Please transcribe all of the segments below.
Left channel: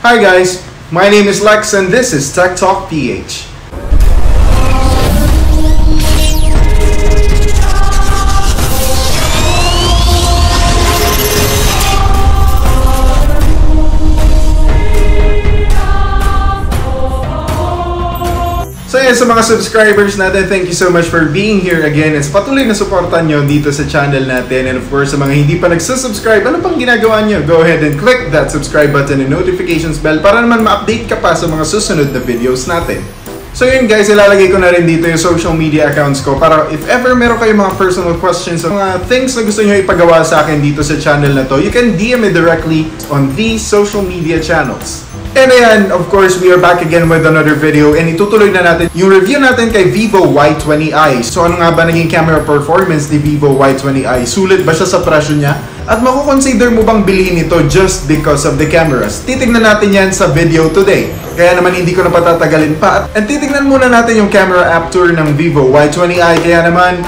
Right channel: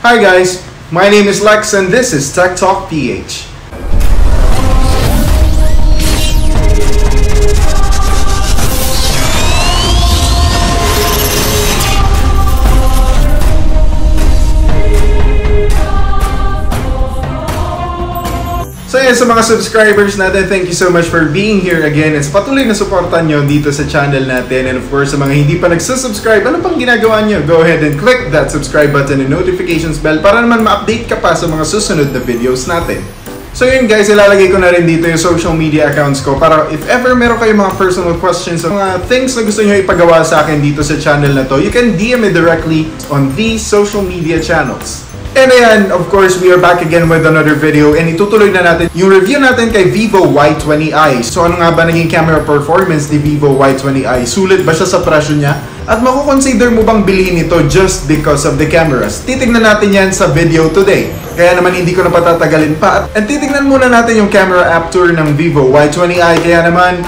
Hi guys, my name is Lex and this is Tech Talk PH. So yan, sa mga subscribers natin, thank you so much for being here again and sa patuloy na suportan nyo dito sa channel natin. And of course, sa mga hindi pa nagsasubscribe, ano pang ginagawa nyo? Go ahead and click that subscribe button and notifications bell para naman ma-update ka pa sa mga susunod na videos natin. So yun guys, ilalagay ko na rin dito yung social media accounts ko para if ever meron kayong mga personal questions o mga things na gusto nyo ipagawa sa akin dito sa channel na to, you can DM me directly on these social media channels. And ayan, of course, we are back again with another video and itutuloy na natin yung review natin kay Vivo Y20i. So ano nga ba naging camera performance ni Vivo Y20i? Sulit ba siya sa presyo niya? At makukonsider mo bang bilhin ito just because of the cameras? Titignan natin yan sa video today. Kaya naman hindi ko na patatagalin pa. At titignan muna natin yung camera app tour ng Vivo Y20i. Kaya naman,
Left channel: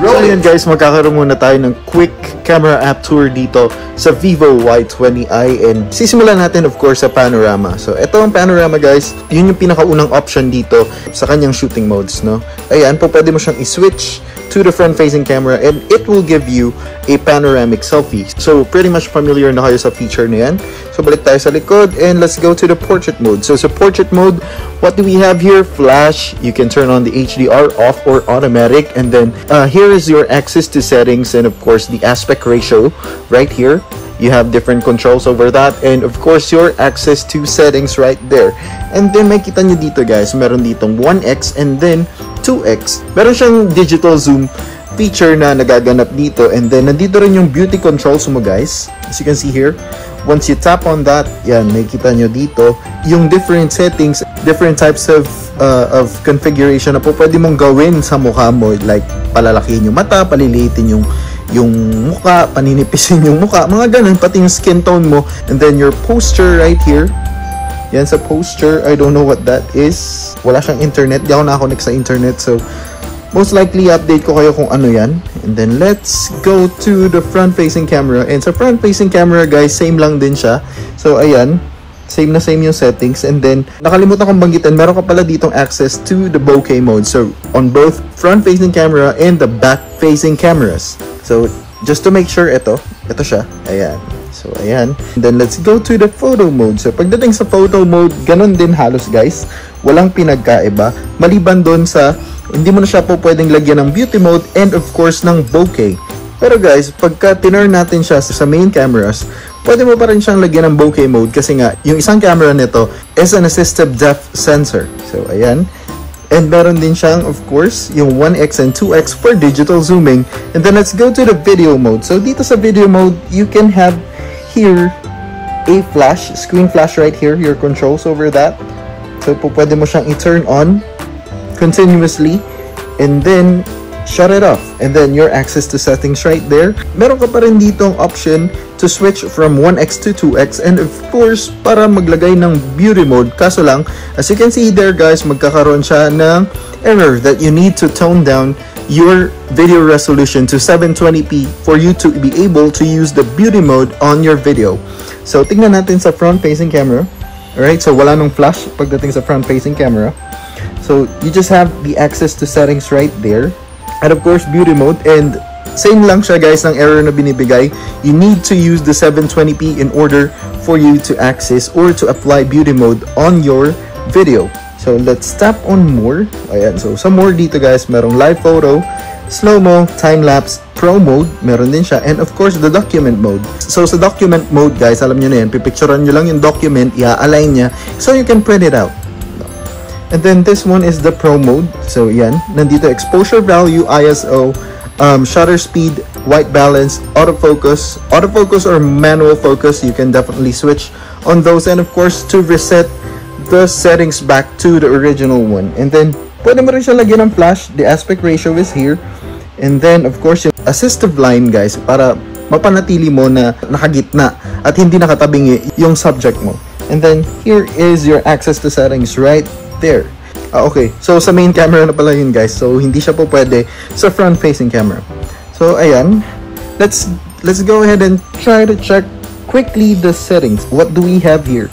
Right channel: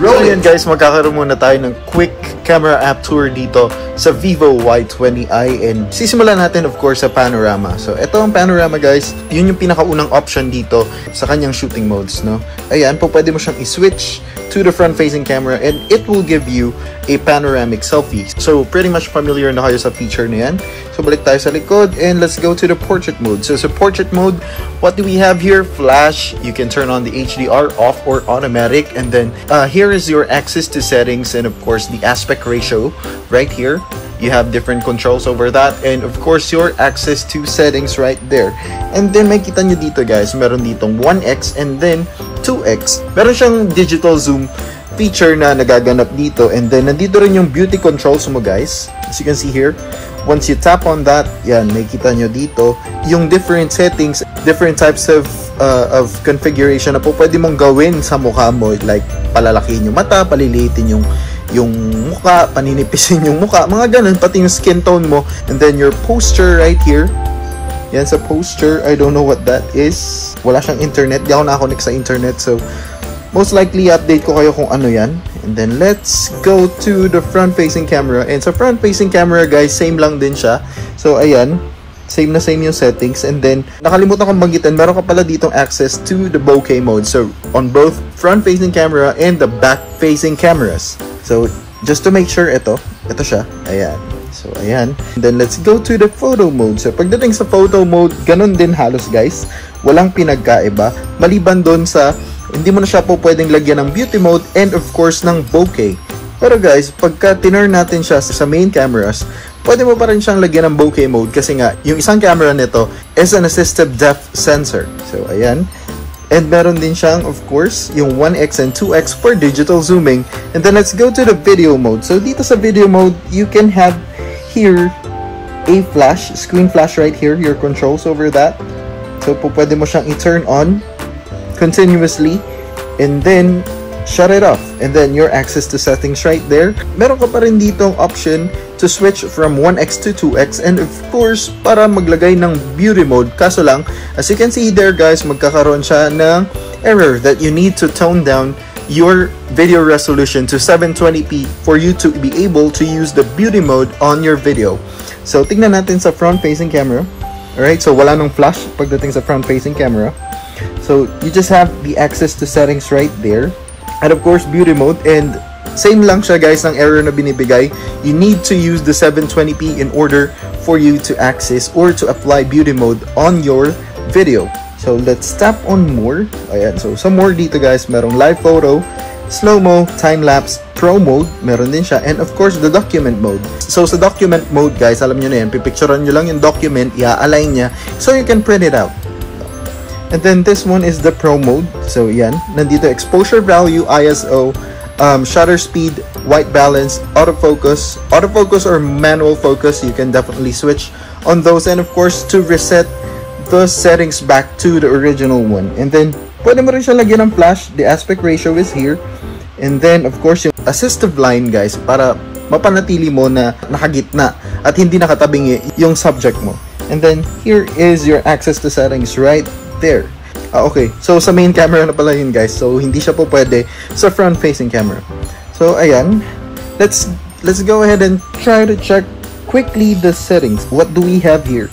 roll it! Guys, magkakaroon muna tayo ng quick camera app tour dito sa Vivo Y20i and sisimulan natin of course sa panorama. So ito ang panorama guys, yun yung pinakaunang option dito sa kanyang shooting modes, no? Ayan, pwede mo siyang i-switch to the front facing camera and it will give you a panoramic selfie. So pretty much familiar na kayo sa feature na yan. So balik tayo sa likod and let's go to the portrait mode. So sa portrait mode, what do we have here? Flash, you can turn on the HDR off or automatic, and then here is your access to settings and of course the aspect ratio right here. You have different controls over that and of course your access to settings right there. And then makita nyo dito guys, meron ditong 1x and then 2x. Meron siyang digital zoom feature na nagaganap dito and then nandito rin yung beauty controls mo guys. As you can see here, once you tap on that, yan, makikita nyo dito yung different settings, different types of configuration na po pwede mong gawin sa mukha mo, like palalakihin yung mata, paliliitin yung mukha, paninipisin yung mukha, mga ganun, pati yung skin tone mo, and then your posture right here. Yan sa posture, I don't know what that is, wala siyang internet, di ako nakakonect sa internet, so most likely update ko kayo kung ano yan. And then let's go to the front facing camera. And sa front facing camera guys, same lang din siya. So ayan, same na same yung settings. And then nakalimutan kong banggitin, meron ka pala ditong access to the bokeh mode. So on both front facing camera and the back facing cameras. So just to make sure ito siya. Ayan. So ayan. And then let's go to the photo mode. So pagdating sa photo mode, ganun din halos guys. Walang pinagkaiba. Maliban doon sa hindi mo na siya po pwedeng lagyan ng beauty mode and of course ng bokeh. Pero guys, pagka tinurn natin siya sa main cameras, pwede mo pa rin siyang lagyan ng bokeh mode kasi nga, yung isang camera nito is an assistive depth sensor. So, ayan. And meron din siyang, of course, yung 1x and 2x for digital zooming. And then let's go to the video mode. So, dito sa video mode, you can have here a flash, screen flash right here, your controls over that. So, pwede mo siyang i-turn on continuously and then shut it off, and then your access to settings right there. Meron ka pa rin dito ang option to switch from 1x to 2x and of course para maglagay ng beauty mode. Kaso lang, as you can see there guys, magkakaroon siya ng error that you need to tone down your video resolution to 720p for you to be able to use the beauty mode on your video. So tingnan natin sa front facing camera. Alright, so wala nang flash pagdating sa front facing camera. So you just have the access to settings right there. And of course, beauty mode. And same lang siya guys ng error na binibigay. You need to use the 720p in order for you to access or to apply beauty mode on your video. So let's tap on more. Ayan, so sa more dito guys, merong live photo, slow-mo, time-lapse, pro mode, meron din siya, and of course the document mode. So sa document mode guys, alam nyo na yun, pipicturean nyo lang yung document, i-align nya so you can print it out. And then this one is the pro mode. So yan, nandito exposure value, ISO, shutter speed, white balance, autofocus or manual focus, you can definitely switch on those, and of course to reset the settings back to the original one. And then pwede mo rin siya lagyan ng flash, the aspect ratio is here. And then of course yung assistive line guys, para mapanatili mo na nakagitna at hindi nakatabingi yung subject mo. And then here is your access to settings right there. Okay, so sa main camera na pala yun guys, so hindi siya po pwede sa front facing camera. So ayan, let's go ahead and try to check quickly the settings. What do we have here?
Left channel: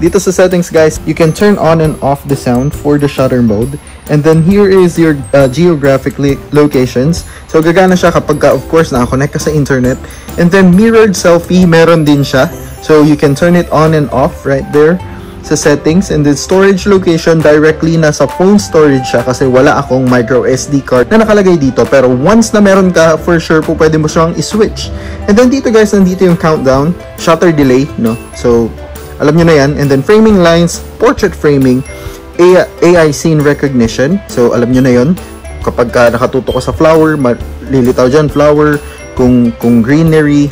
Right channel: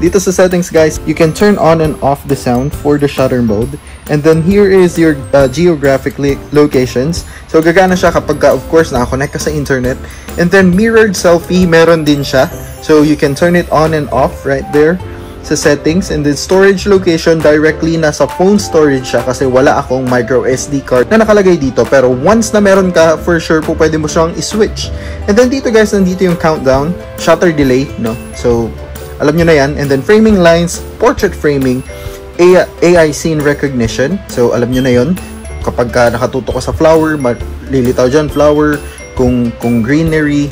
dito sa settings guys, you can turn on and off the sound for the shutter mode. And then here is your geographic locations. So gagana siya kapag of course nakakonect ka sa internet. And then mirrored selfie, meron din siya. So you can turn it on and off right there sa settings. And then storage location, directly nasa phone storage siya kasi wala akong micro SD card na nakalagay dito. Pero once na meron ka, for sure po pwede mo siyang i-switch. And then dito guys, nandito yung countdown, shutter delay, no? So alam nyo na yan. And then framing lines, portrait framing, AI scene recognition. So alam nyo na yun. Kapag ka nakatuto ka sa flower, lilitaw dyan flower. Kung greenery,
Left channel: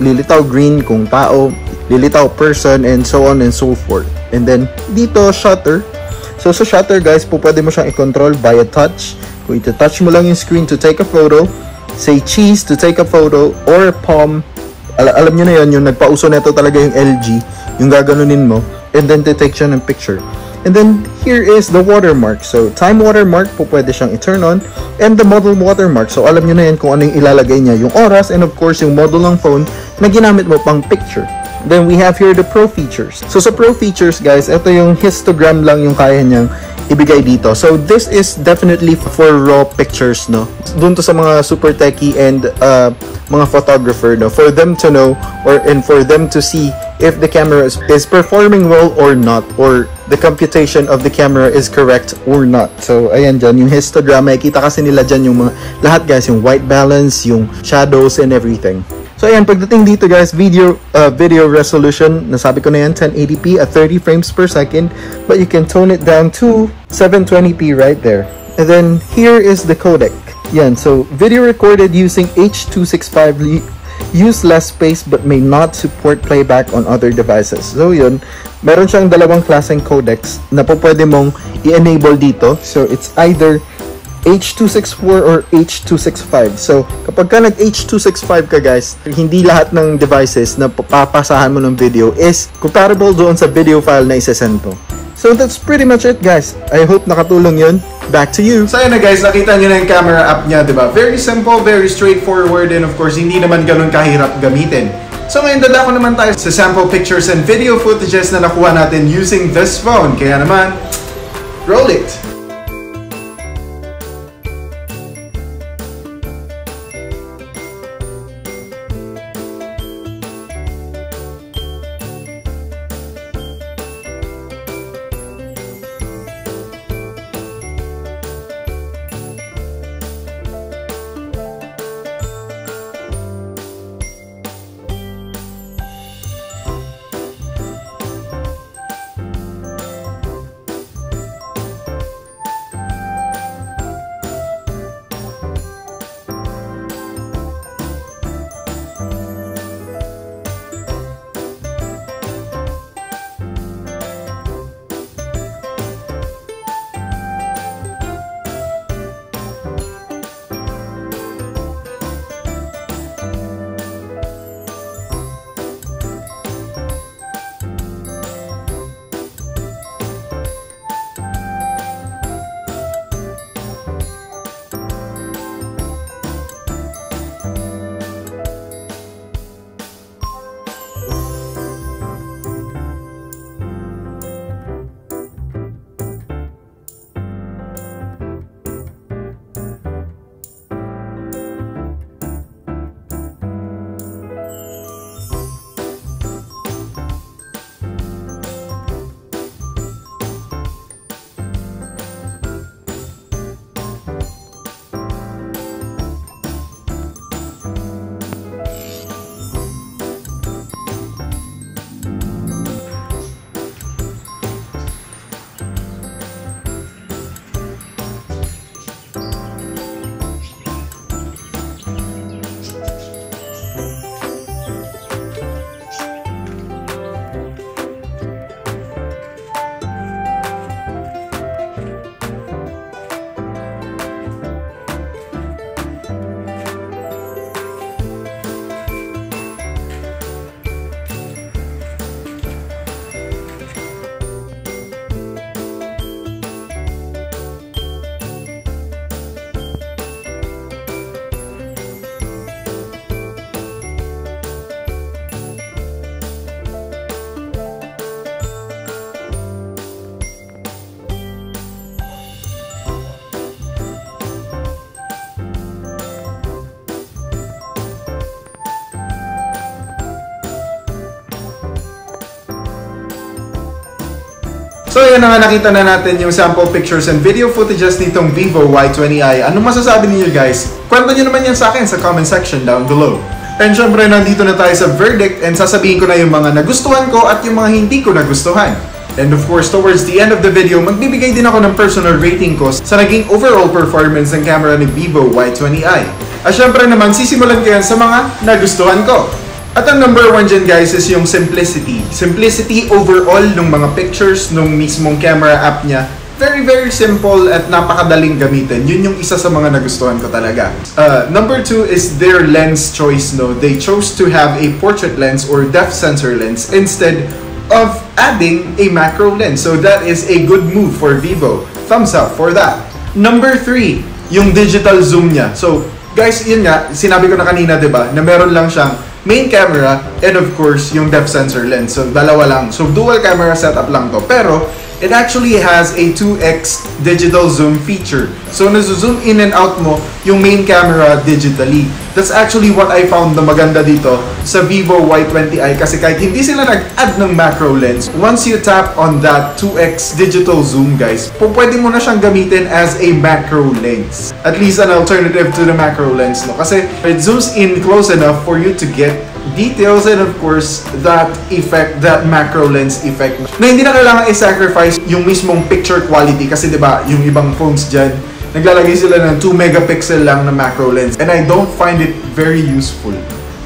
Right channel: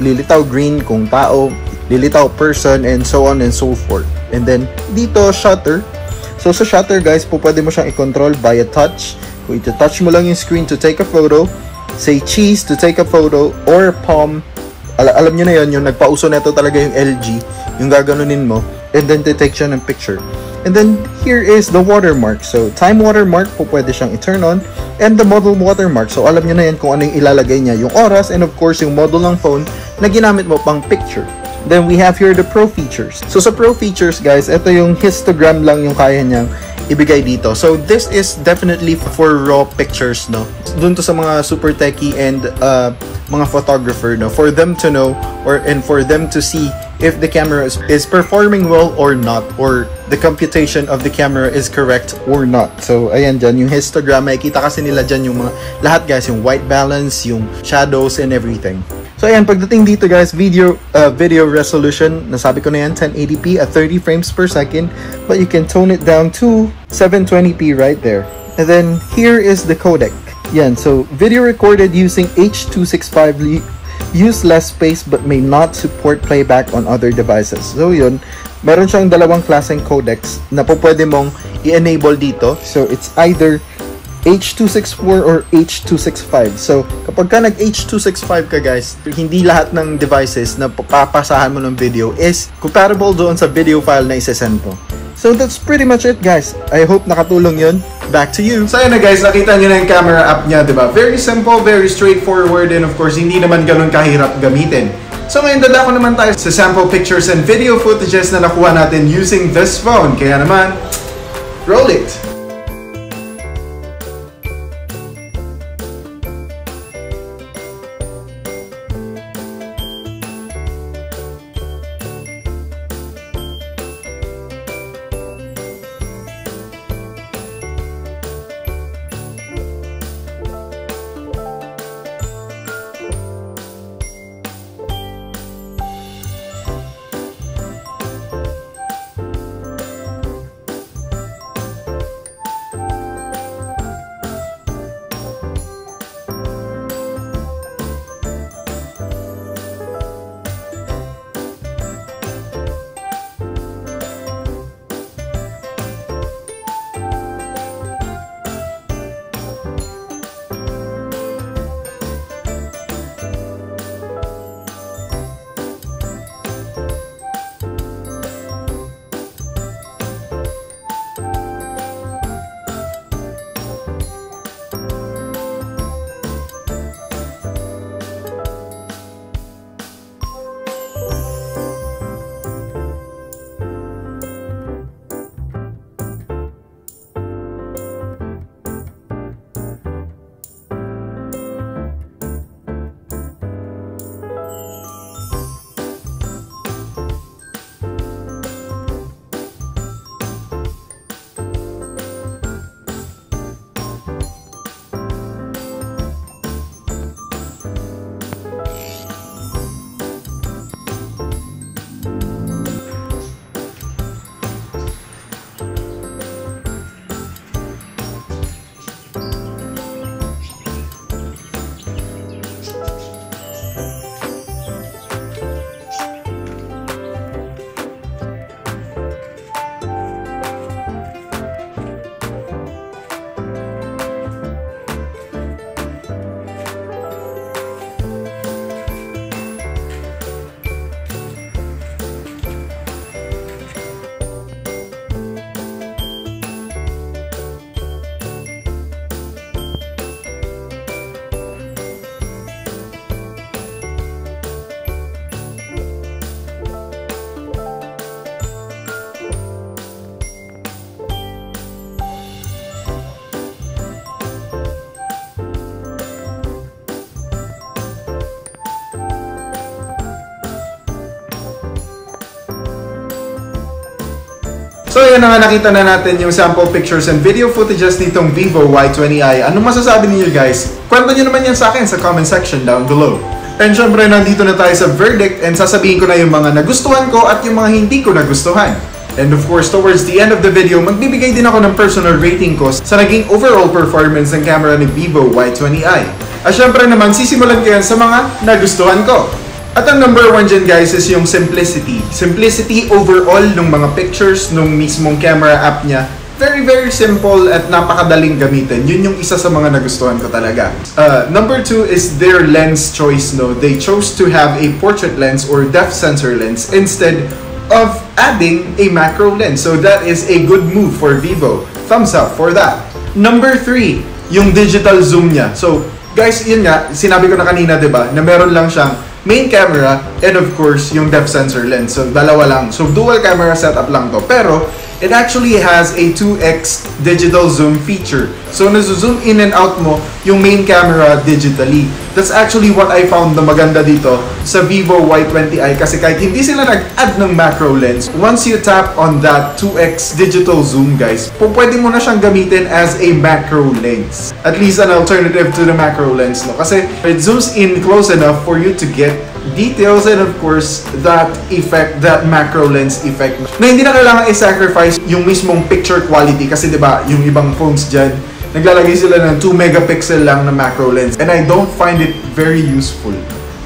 lilitaw green. Kung tao, lilitaw person, and so on and so forth. And then dito shutter. So sa shutter guys, po pwede mo siyang i-control via touch. Kung ito-touch mo lang yung screen to take a photo, say cheese to take a photo, or palm. Alam nyo na yan, yung nagpauso na ito talaga yung LG, yung gaganunin mo, and then detection ng picture. And then here is the watermark. So time watermark po pwede siyang i-turn on, and the model watermark. So alam nyo na yan kung ano yung ilalagay niya, yung oras, and of course yung model ng phone na ginamit mo pang picture. Then we have here the Pro features. So sa Pro features guys, ito yung histogram lang yung kaya niyang ibigay dito. So this is definitely for raw pictures, no? Dun to sa mga super techie and mga photographer, no? For them to know and for them to see if the camera is performing well or not, or the computation of the camera is correct or not. So ayan dyan, yung histogram, makikita kasi nila dyan yung mga lahat guys, yung white balance, yung shadows and everything. So ayan, pagdating dito guys, video resolution, nasabi ko na yan, 1080p at 30 frames per second, but you can tone it down to 720p right there. And then here is the codec. Yan, so video recorded using H.265 use less space but may not support playback on other devices. So yun, meron siyang dalawang klaseng codecs na po pwede mong i-enable dito. So it's either H.264 or H.265. So kapag ka nag H.265 ka guys, hindi lahat ng devices na papasahan mo ng video is comparable doon sa video file na isasend mo. So that's pretty much it guys. I hope nakatulong yun. Back to you. So yun na guys, nakita nyo na yung camera app niya, diba? Very simple, very straightforward, and of course, hindi naman ganun kahirap gamitin. So ngayon, dadako naman tayo sa sample pictures and video footages na nakuha natin using this phone. Kaya naman, roll it! So yan na nga, nakita na natin yung sample pictures and video footages nitong Vivo Y20i. Anong masasabi niyo guys? Kwento nyo naman yan sa akin sa comment section down below. And syempre, nandito na tayo sa verdict and sasabihin ko na yung mga nagustuhan ko at yung mga hindi ko nagustuhan. And of course, towards the end of the video, magbibigay din ako ng personal rating ko sa naging overall performance ng camera ni Vivo Y20i. At syempre naman, sisimulan ko yan sa mga nagustuhan ko. At ang number 1 dyan guys is yung simplicity. Simplicity overall ng mga pictures nung mismong camera app niya. Very simple at napakadaling gamitin. Yun yung isa sa mga nagustuhan ko talaga. Number 2 is their lens choice. No? They chose to have a portrait lens or depth sensor lens instead of adding a macro lens. So that is a good move for Vivo. Thumbs up for that. Number 3, yung digital zoom niya. So guys, yun nga, sinabi ko na kanina, diba, na meron lang siyang main camera and of course yung depth sensor lens. So dalawa lang. So dual camera setup lang to. Pero it actually has a 2x digital zoom feature. So nazo-zoom in and out mo yung main camera digitally. That's actually what I found na maganda dito sa Vivo Y20i kasi kahit hindi sila nag-add ng macro lens, once you tap on that 2x digital zoom guys, pwede mo na siyang gamitin as a macro lens. At least an alternative to the macro lens, no? Kasi it zooms in close enough for you to get details and of course that effect, that macro lens effect na hindi na kailangan i-sacrifice yung mismong picture quality kasi diba yung ibang phones dyan naglalagay sila ng 2 megapixel lang na macro lens and I don't find it very useful.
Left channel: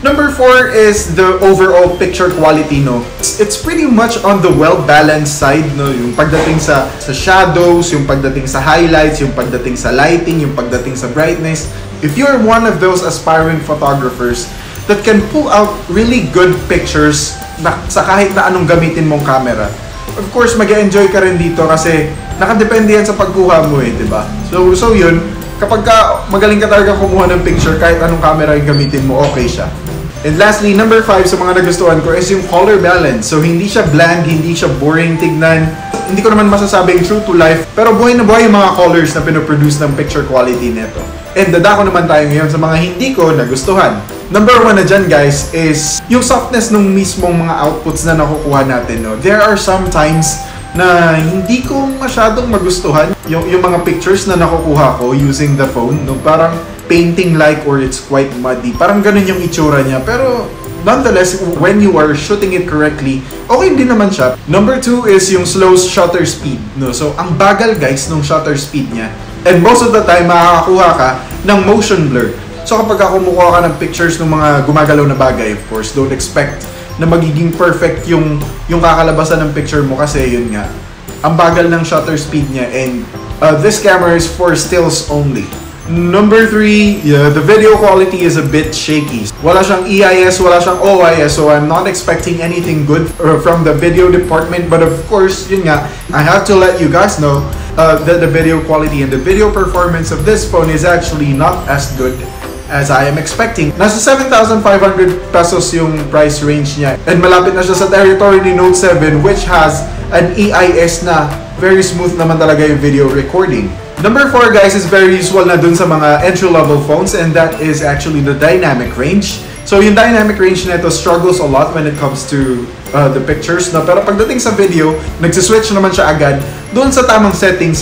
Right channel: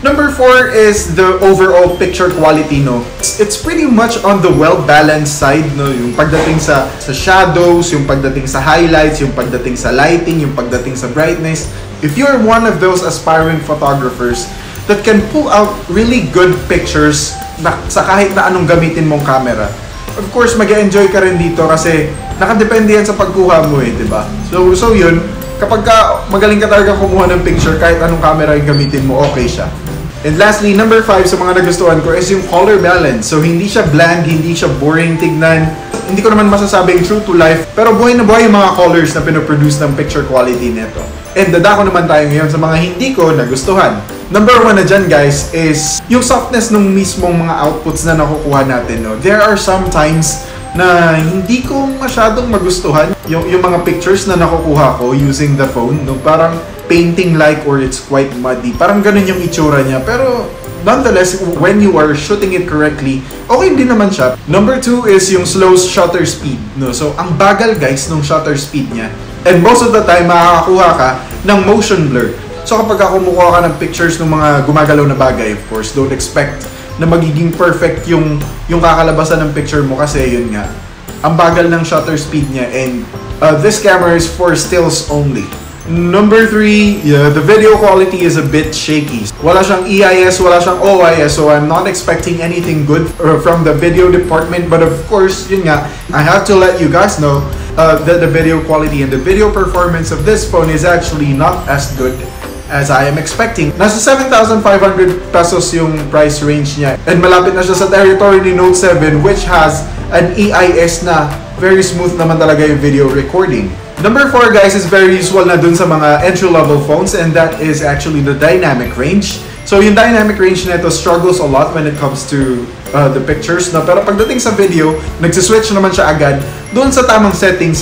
Number 4 is the overall picture quality, no? It's pretty much on the well-balanced side, no? Yung pagdating sa shadows, yung pagdating sa highlights, yung pagdating sa lighting, yung pagdating sa brightness. If you're one of those aspiring photographers that can pull out really good pictures na, sa kahit na anong gamitin mong camera, of course, mag-enjoy ka rin dito kasi nakadepende yan sa pagkuha mo eh, diba? So yun, kapag magaling ka talaga kumuha ng picture, kahit anong camera yung gamitin mo, okay siya. And lastly, number 5 sa mga nagustuhan ko is yung color balance. So hindi siya bland, hindi siya boring tignan. Hindi ko naman masasabing true to life, pero buhay na buhay yung mga colors na pinoproduce ng picture quality nito. And dadako naman tayo ngayon sa mga hindi ko nagustuhan. Number 1 na dyan guys is yung softness ng mismong mga outputs na nakukuha natin. No? There are some times na hindi ko masyadong magustuhan yung mga pictures na nakukuha ko using the phone. No? Parang painting-like or it's quite muddy. Parang ganun yung itsura niya. Pero nonetheless, when you are shooting it correctly, okay din naman siya. Number 2 is yung slow shutter speed. No? So ang bagal guys ng shutter speed niya. And most of the time, makakakuha ka ng motion blur. So kapag kumukuha ka ng pictures ng mga gumagalaw na bagay, of course, don't expect na magiging perfect yung kakalabasan ng picture mo kasi yun nga, ang bagal ng shutter speed niya and this camera is for stills only. Number 3, the video quality is a bit shaky. Wala siyang EIS, wala siyang OIS, so I'm not expecting anything good from the video department. But of course, yun nga, I have to let you guys know that the video quality and the video performance of this phone is actually not as good as I am expecting. Nasa 7,500 pesos yung price range niya. And malapit na siya sa territory ni Note 7 which has an EIS na very smooth naman talaga yung video recording. Number 4 guys is very usual na dun sa mga entry-level phones and that is actually the dynamic range. So yung dynamic range nito struggles a lot when it comes to the pictures. No? Pero pagdating sa video, nagsiswitch naman siya agad dun sa tamang setting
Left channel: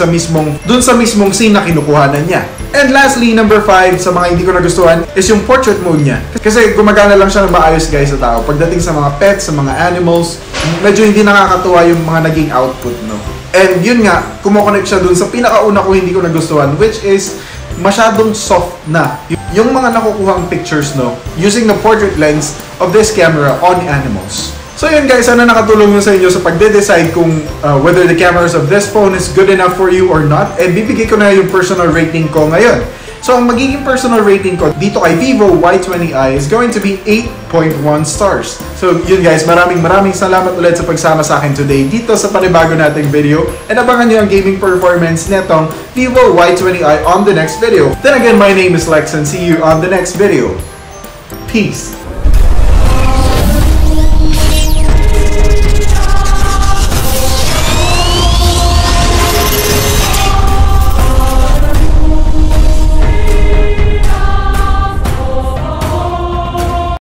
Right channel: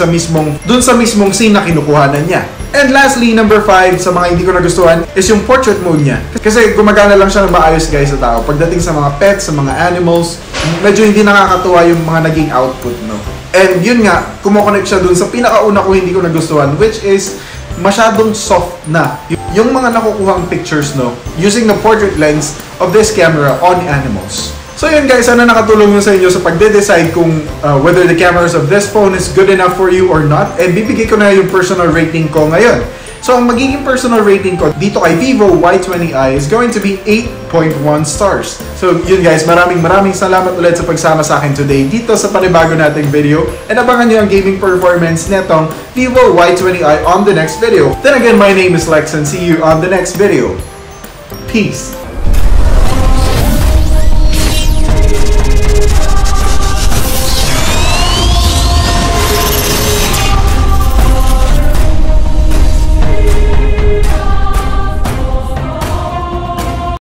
dun sa mismong scene na kinukuhanan niya. And lastly, number 5 sa mga hindi ko nagustuhan is yung portrait mode niya. Kasi gumagana lang siya ng maayos guys sa tao. Pagdating sa mga pets, sa mga animals, medyo hindi nakakatuwa yung mga naging output, no? And yun nga, kumokonect siya dun sa pinakauna ko hindi ko nagustuhan, which is masyadong soft na yung mga nakukuhang pictures, no, using the portrait lens of this camera on animals. So yun guys, sana nakatulong yun sa inyo sa pagde-decide kung whether the cameras of this phone is good enough for you or not. And bibigay ko na yung personal rating ko ngayon. So ang magiging personal rating ko dito kay Vivo Y20i is going to be 8.1 stars. So yun guys, maraming salamat ulit sa pagsama sa akin today dito sa panibago nating video. And abangan nyo ang gaming performance netong Vivo Y20i on the next video. Then again, my name is Lex and see you on the next video. Peace!